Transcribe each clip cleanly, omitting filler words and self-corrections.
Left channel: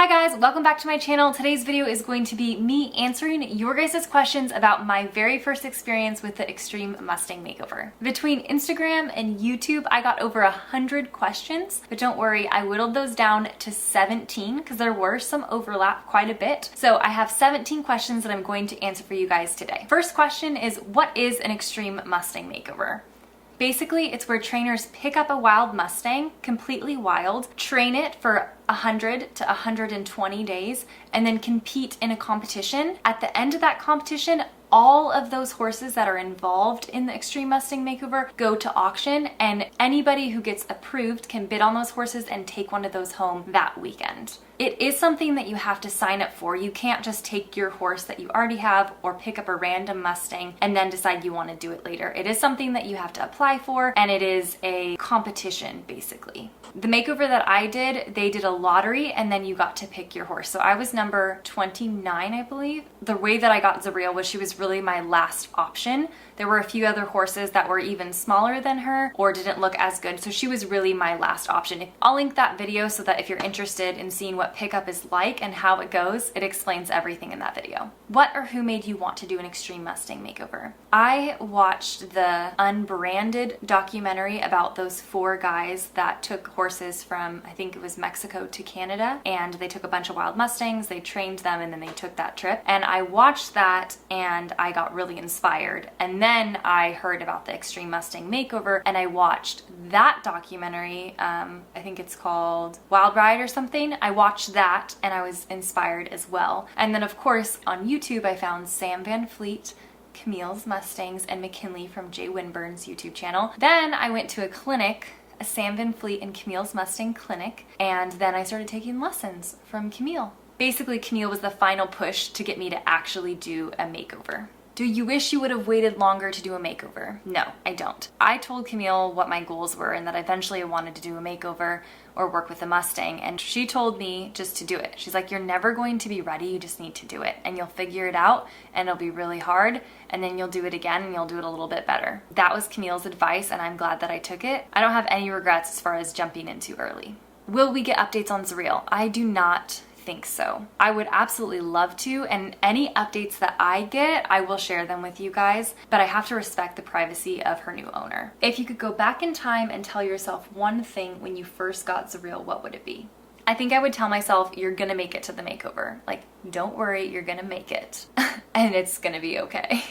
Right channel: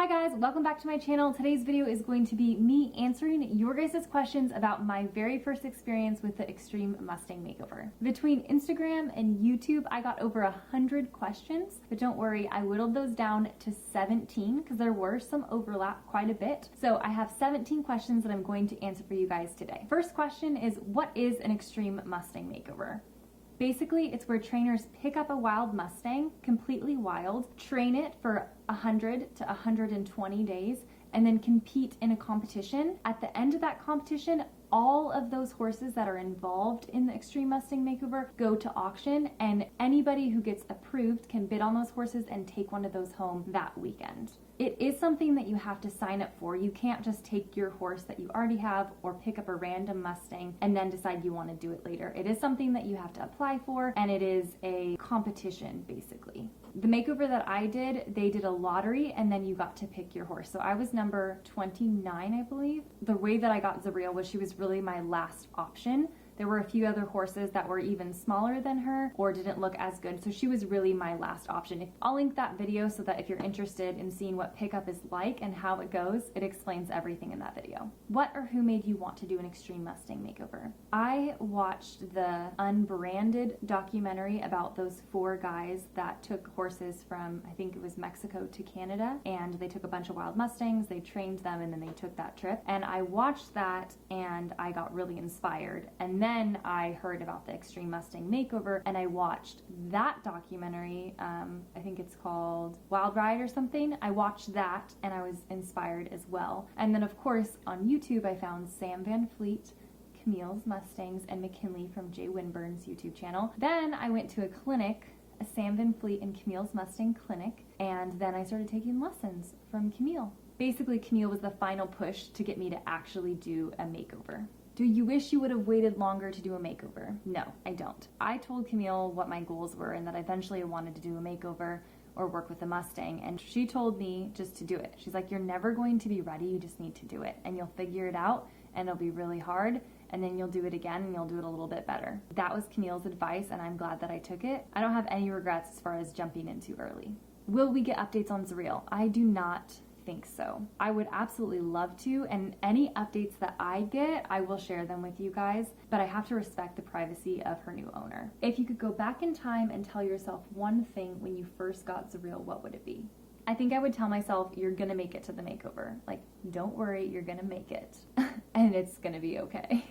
Hi guys, welcome back to my channel. Today's video is going to be me answering your guys' questions about my very first experience with the Extreme Mustang Makeover. Between Instagram and YouTube, I got over 100 questions, but don't worry, I whittled those down to 17 because there were some overlap quite a bit. So I have 17 questions that I'm going to answer for you guys today. First question is, what is an Extreme Mustang Makeover? Basically, it's where trainers pick up a wild Mustang, completely wild, train it for 100 to 120 days, and then compete in a competition. At the end of that competition, all of those horses that are involved in the Extreme Mustang Makeover go to auction, and anybody who gets approved can bid on those horses and take one of those home that weekend. It is something that you have to sign up for. You can't just take your horse that you already have or pick up a random Mustang and then decide you want to do it later. It is something that you have to apply for, and it is a competition basically. The makeover that I did, they did a lottery and then you got to pick your horse. So I was number 29, I believe. The way that I got Zurreal was she was really my last option. There were a few other horses that were even smaller than her or didn't look as good, so she was really my last option. I'll link that video so that if you're interested in seeing what pickup is like and how it goes, it explains everything in that video. What or who made you want to do an Extreme Mustang Makeover? I watched the Unbranded documentary about those 4 guys that took horses from, I think it was Mexico to Canada, and they took a bunch of wild Mustangs, they trained them, and then they took that trip. And I watched that and I got really inspired. And then I heard about the Extreme Mustang Makeover and I watched that documentary. I think it's called Wild Ride or something. I watched that and I was inspired as well. And then of course on YouTube I found Sam Van Fleet, Camille's Mustangs, and McKinley from Jay Winburn's YouTube channel. Then I went to a clinic, a Sam Van Fleet and Camille's Mustang clinic, and then I started taking lessons from Camille. Basically, Camille was the final push to get me to actually do a makeover. Do you wish you would have waited longer to do a makeover? No, I don't. I told Camille what my goals were and that eventually I wanted to do a makeover or work with a Mustang, and she told me just to do it. She's like, you're never going to be ready, you just need to do it, and you'll figure it out, and it'll be really hard, and then you'll do it again and you'll do it a little bit better. That was Camille's advice, and I'm glad that I took it. I don't have any regrets as far as jumping in too early. Will we get updates on Zurreal? I do not think so. I would absolutely love to, and any updates that I get, I will share them with you guys, but I have to respect the privacy of her new owner. If you could go back in time and tell yourself one thing when you first got Zurreal, what would it be? I think I would tell myself, you're gonna make it to the makeover. Like, don't worry, you're gonna make it and it's gonna be okay.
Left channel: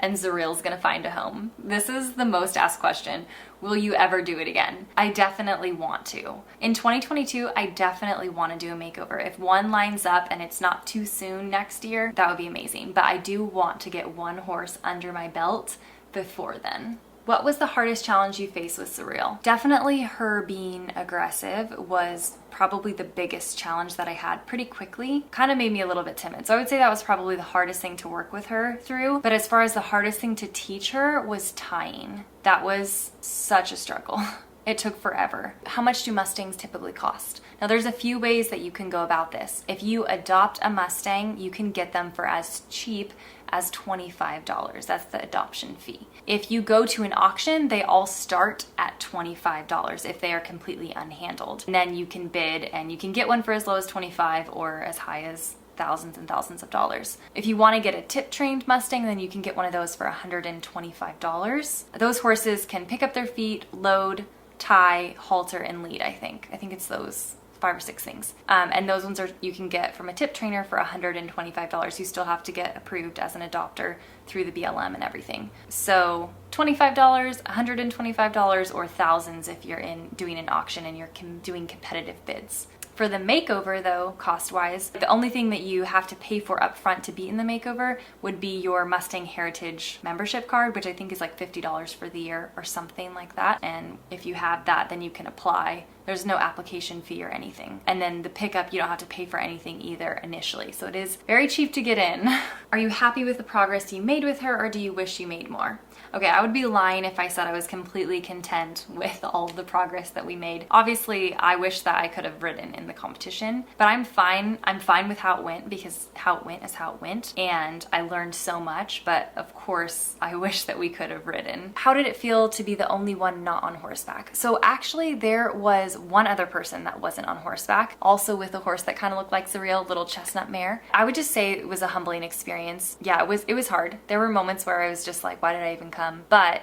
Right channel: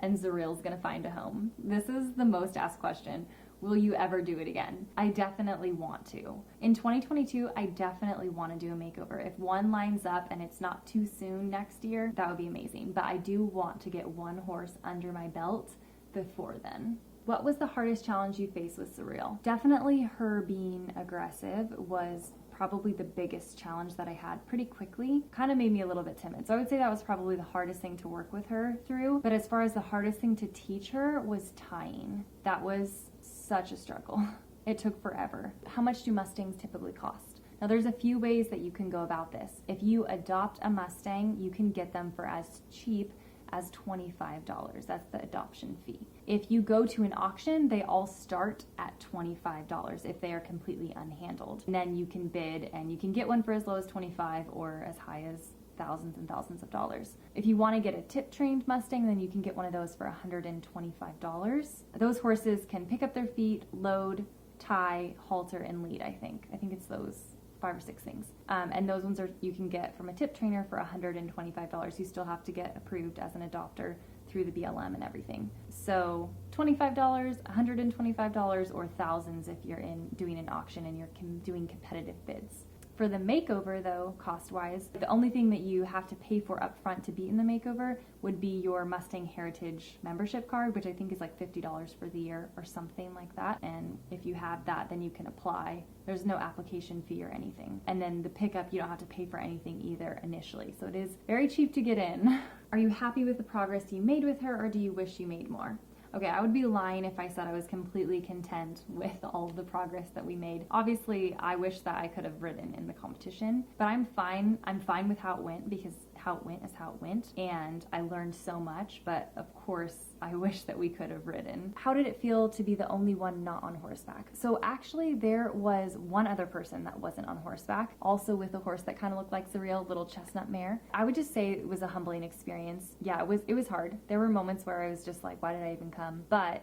And Zurreal's gonna find a home. This is the most asked question. Will you ever do it again? I definitely want to. In 2022, I definitely want to do a makeover. If one lines up and it's not too soon next year, that would be amazing. But I do want to get one horse under my belt before then. What was the hardest challenge you faced with Zurreal? Definitely her being aggressive was probably the biggest challenge that I had pretty quickly. Kind of made me a little bit timid. So I would say that was probably the hardest thing to work with her through. But as far as the hardest thing to teach her was tying. That was such a struggle. It took forever. How much do Mustangs typically cost? Now there's a few ways that you can go about this. If you adopt a Mustang, you can get them for as cheap as $25. That's the adoption fee. If you go to an auction, they all start at $25 if they are completely unhandled. And then you can bid and you can get one for as low as $25 or as high as thousands and thousands of dollars. If you want to get a tip-trained Mustang, then you can get one of those for $125. Those horses can pick up their feet, load, tie, halter, and lead, I think. I think it's those 5 or 6 things. And those ones you can get from a tip trainer for $125. You still have to get approved as an adopter through the BLM and everything. So $25, $125, or thousands if you're doing an auction and you're doing competitive bids. For the makeover though, cost-wise, the only thing that you have to pay for up front to be in the makeover would be your Mustang Heritage membership card, which I think is like $50 for the year or something like that. And if you have that, then you can apply. There's no application fee or anything. And then the pickup, you don't have to pay for anything either initially. So it is very cheap to get in. Are you happy with the progress you made with her, or do you wish you made more? Okay, I would be lying if I said I was completely content with all of the progress that we made. Obviously, I wish that I could have ridden in the competition, but I'm fine. I'm fine with how it went because how it went is how it went, and I learned so much, but of course, I wish that we could have ridden. How did it feel to be the only one not on horseback? So actually, there was one other person that wasn't on horseback, also with a horse that kind of looked like Zurreal, little chestnut mare. I would just say it was a humbling experience. Yeah, it was hard. There were moments where I was just like, why did I even come? But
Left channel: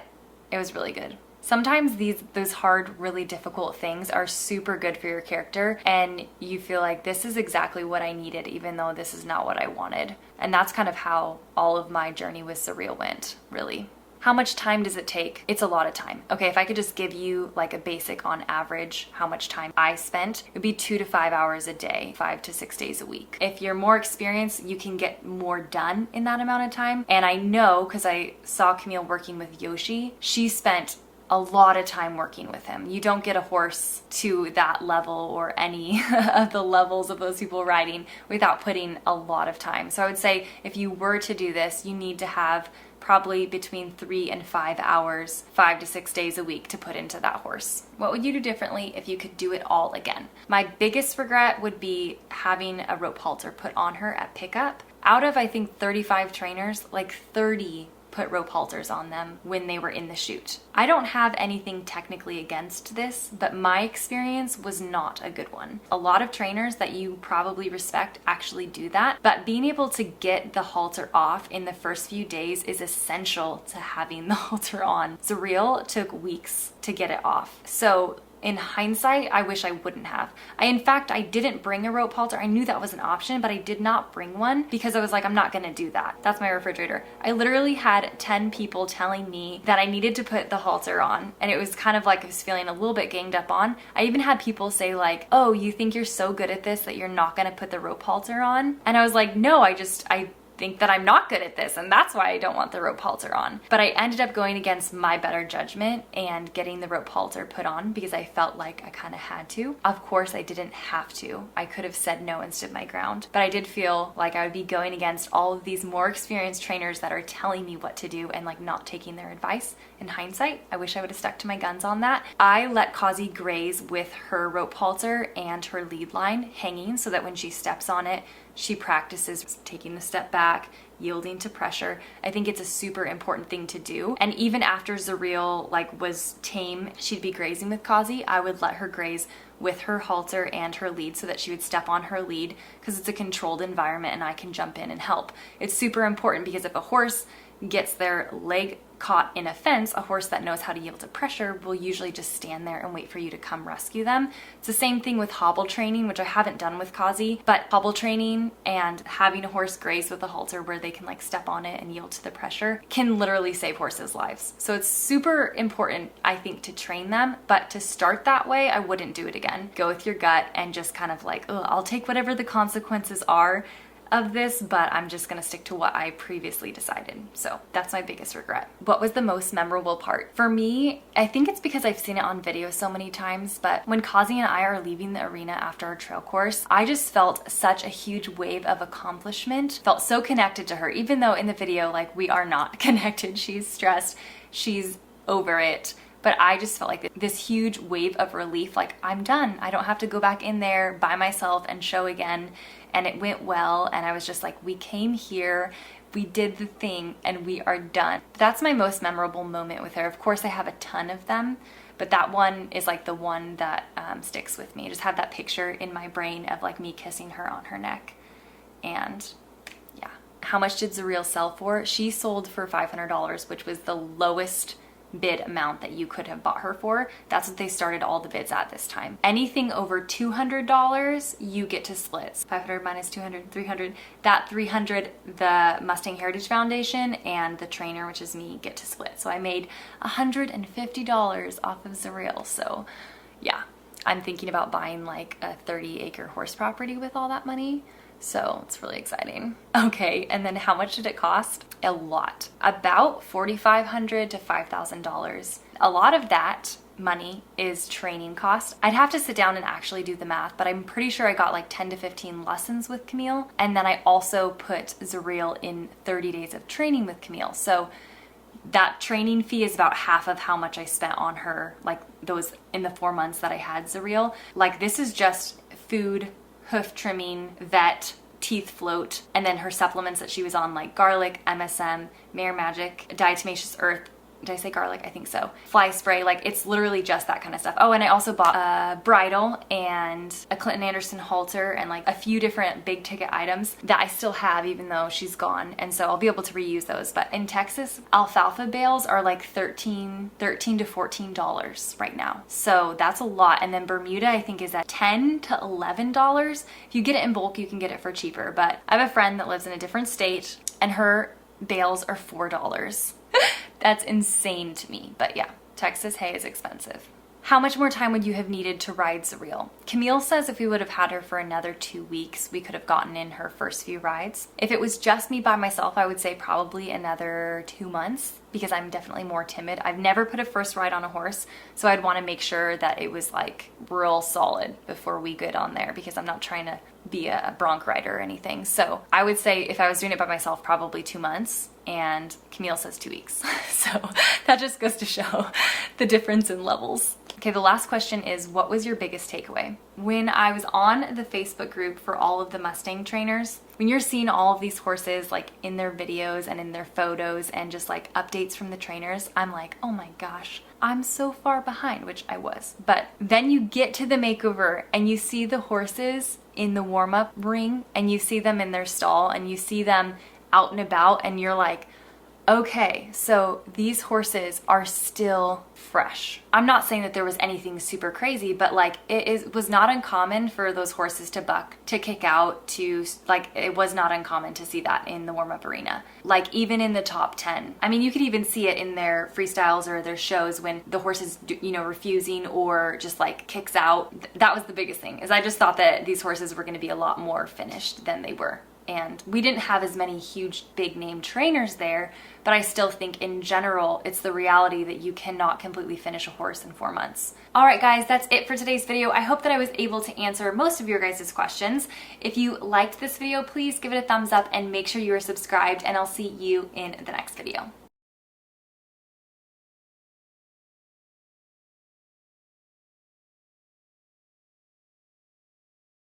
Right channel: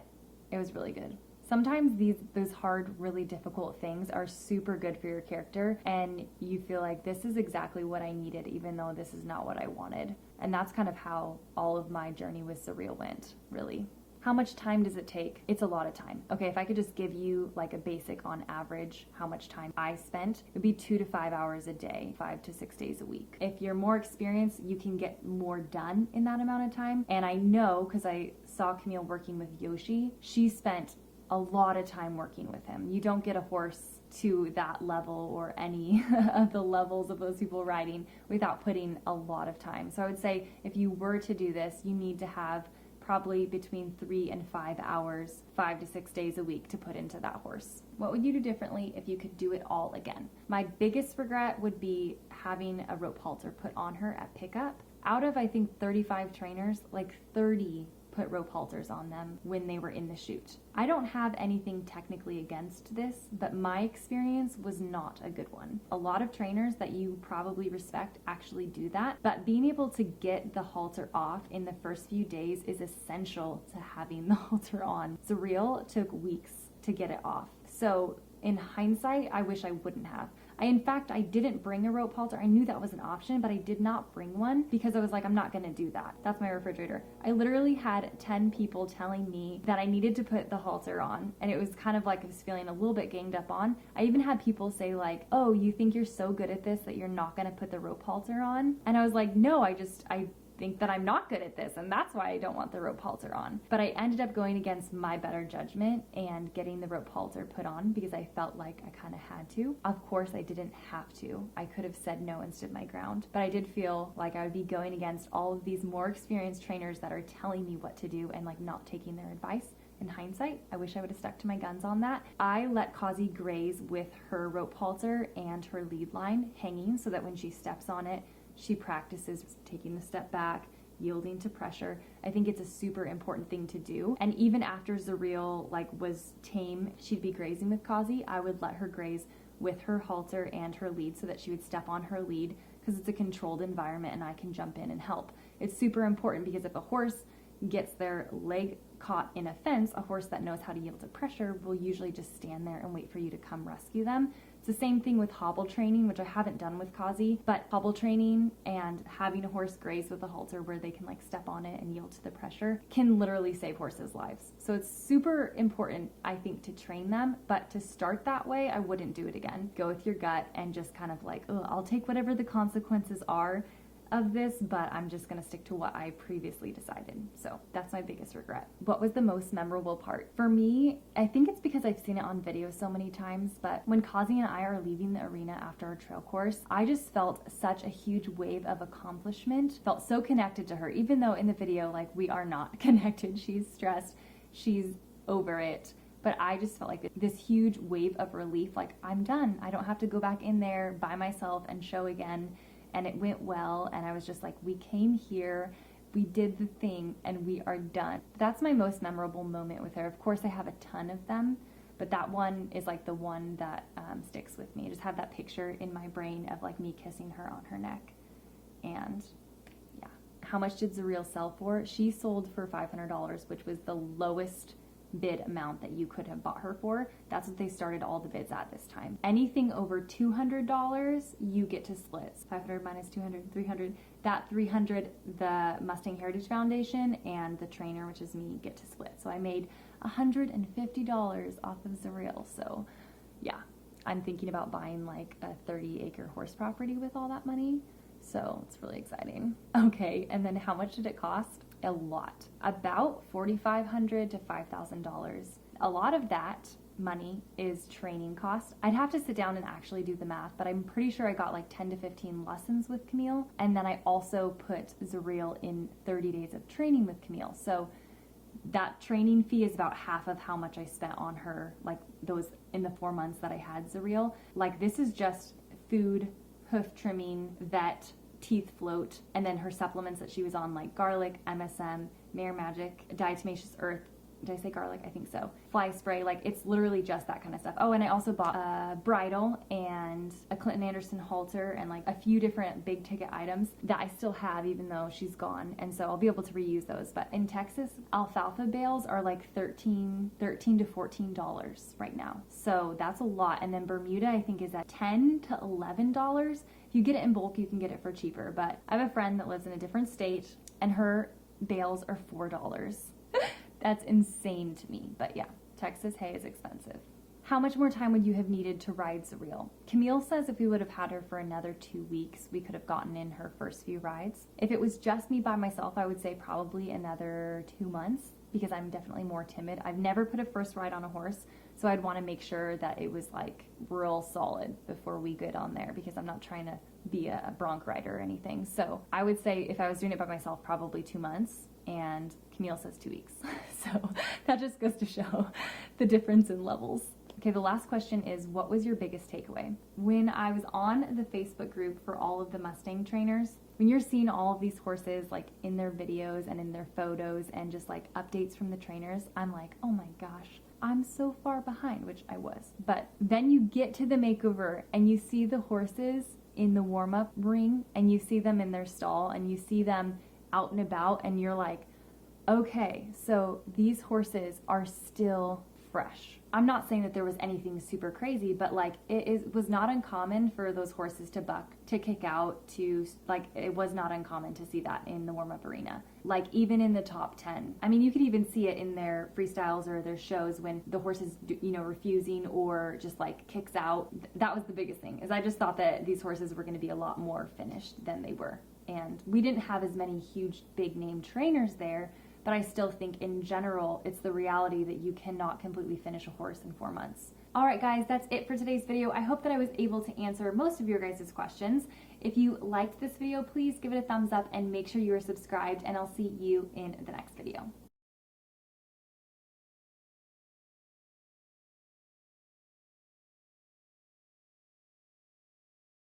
it was really good. Sometimes those hard, really difficult things are super good for your character, and you feel like this is exactly what I needed, even though this is not what I wanted. And that's kind of how all of my journey with Zurreal went, really. How much time does it take? It's a lot of time. Okay, if I could just give you like a basic on average how much time I spent, it would be 2 to 5 hours a day, 5 to 6 days a week. If you're more experienced, you can get more done in that amount of time. And I know, because I saw Camille working with Yoshi, she spent a lot of time working with him. You don't get a horse to that level or any of the levels of those people riding without putting a lot of time. So I would say if you were to do this, you need to have probably between 3 and 5 hours, 5 to 6 days a week to put into that horse. What would you do differently if you could do it all again? My biggest regret would be having a rope halter put on her at pickup. Out of, I think, 35 trainers, like 30 put rope halters on them when they were in the chute. I don't have anything technically against this, but my experience was not a good one. A lot of trainers that you probably respect actually do that, but being able to get the halter off in the first few days is essential to having the halter on. Zurreal took weeks to get it off. So in hindsight, I wish I wouldn't have. In fact, I didn't bring a rope halter. I knew that was an option, but I did not bring one because I was like, I'm not gonna do that. That's my refrigerator. I literally had 10 people telling me that I needed to put the halter on, and it was kind of like I was feeling a little bit ganged up on. I even had people say like, oh, you think you're so good at this that you're not gonna put the rope halter on? And I was like, no, I think that I'm not good at this, and that's why I don't want the rope halter on. But I ended up going against my better judgment and getting the rope halter put on because I felt like I kind of had to. Of course, I didn't have to. I could have said no and stood my ground, but I did feel like I would be going against all of these more experienced trainers that are telling me what to do and like not taking their advice. In hindsight, I wish I would have stuck to my guns on that. I let Kazi graze with her rope halter and her lead line hanging so that when she steps on it, she practices taking the step back, yielding to pressure. I think it's a super important thing to do. And even after Zurreal was tame, she'd be grazing with Kazi, I would let her graze with her halter and her lead so that she would step on her lead because it's a controlled environment and I can jump in and help. It's super important because if a horse gets their leg caught in a fence, a horse that knows how to yield to pressure will usually just stand there and wait for you to come rescue them. It's the same thing with hobble training, which I haven't done with Kazi, but hobble training and having a horse graze with a halter where they can step on it and yield to the pressure can literally save horses' lives. So it's super important, I think, to train them, but to start that way, I wouldn't do it again. Go with your gut and just kind of I'll take whatever the consequences are of this, but I'm just gonna stick to what I previously decided. So that's my biggest regret. What was the most memorable part? For me, I think it's because I've seen it on video so many times, but when Kazi and I are leaving the arena after our trail course, I just felt such a huge wave of accomplishment, felt so connected to her, even though in the video, we are not connected. She's stressed, she's over it. But I just felt like this huge wave of relief, I'm done. I don't have to go back in there by myself and show again. And it went well, and I was just like, we came here, we did the thing, and we are done. That's my most memorable moment with her. Of course, I have a ton of them, but that one is the one that sticks with me. I just have that picture in my brain of me kissing her on her neck. And yeah. How much did Zurreal sell for? She sold for $500, which was the lowest bid amount that you could have bought her for. That's what they started all the bids at this time. Anything over $200, you get to split. 500 minus 200, 300. That 300, the Mustang Heritage Foundation and the trainer, which is me, get to split. So I made $150 off of Zurreal. So yeah, I'm thinking about buying a 30-acre horse property with all that money. So it's really exciting. Okay, and then how much did it cost? A lot. About $4,500 to $5,000. A lot of that money is training cost. I'd have to sit down and actually do the math, but I'm pretty sure I got 10 to 15 lessons with Camille. And then I also put Zurreal in 30 days of training with Camille. So that training fee is about half of how much I spent on her, like those in the 4 months that I had Zurreal. Like this is just food, hoof trimming, vet, teeth float, and then her supplements that she was on, like garlic, MSM, Mare Magic, Diatomaceous Earth. Did I say garlic? I think so. Fly spray, like it's literally just that kind of stuff. Oh, and I also bought a bridle and a Clinton Anderson halter and like a few different big ticket items that I still have even though she's gone. And so I'll be able to reuse those. But in Texas, alfalfa bales are like $13 to $14 right now. So that's a lot. And then Bermuda, I think, is at $10 to $11. If you get it in bulk, you can get it for cheaper. But I have a friend that lives in a different state and her bales are $4. That's insane to me, but yeah, Texas hay is expensive. How much more time would you have needed to ride Zurreal? Camille says if we would have had her for another 2 weeks, we could have gotten in her first few rides. If it was just me by myself, I would say probably another 2 months because I'm definitely more timid. I've never put a first ride on a horse, so I'd want to make sure that it was like real solid before we get on there because I'm not trying to be a bronc rider or anything. So I would say if I was doing it by myself, probably 2 months, and Camille says 2 weeks. So that just goes to show the difference in levels. Okay, the last question is, what was your biggest takeaway? When I was on the Facebook group for all of the Mustang trainers, when you're seeing all of these horses like in their videos and in their photos and just like updates from the trainers, I'm like, oh my gosh, I'm so far behind, which I was. But then you get to the makeover and you see the horses in the warm-up ring and you see them in their stall and you see them out and about and you're like, okay, so these horses are still fresh. I'm not saying that there was anything super crazy, but like was not uncommon for those horses to buck, to kick out, to like, it was not uncommon to see that in the warm-up arena. Like even in the top 10. I mean, you could even see it in their freestyles or their shows when the horse is, refusing or just like kicks out. That was the biggest thing, is I just thought that these horses were going to be a lot more finished than they were. And we didn't have as many huge big name trainers there, but I still think in general it's the reality that you cannot completely finish a horse in 4 months. All right guys, that's it for today's video. I hope that I was able to answer most of your guys' questions. If you liked this video, please give it a thumbs up and make sure you are subscribed, and I'll see you in the next video.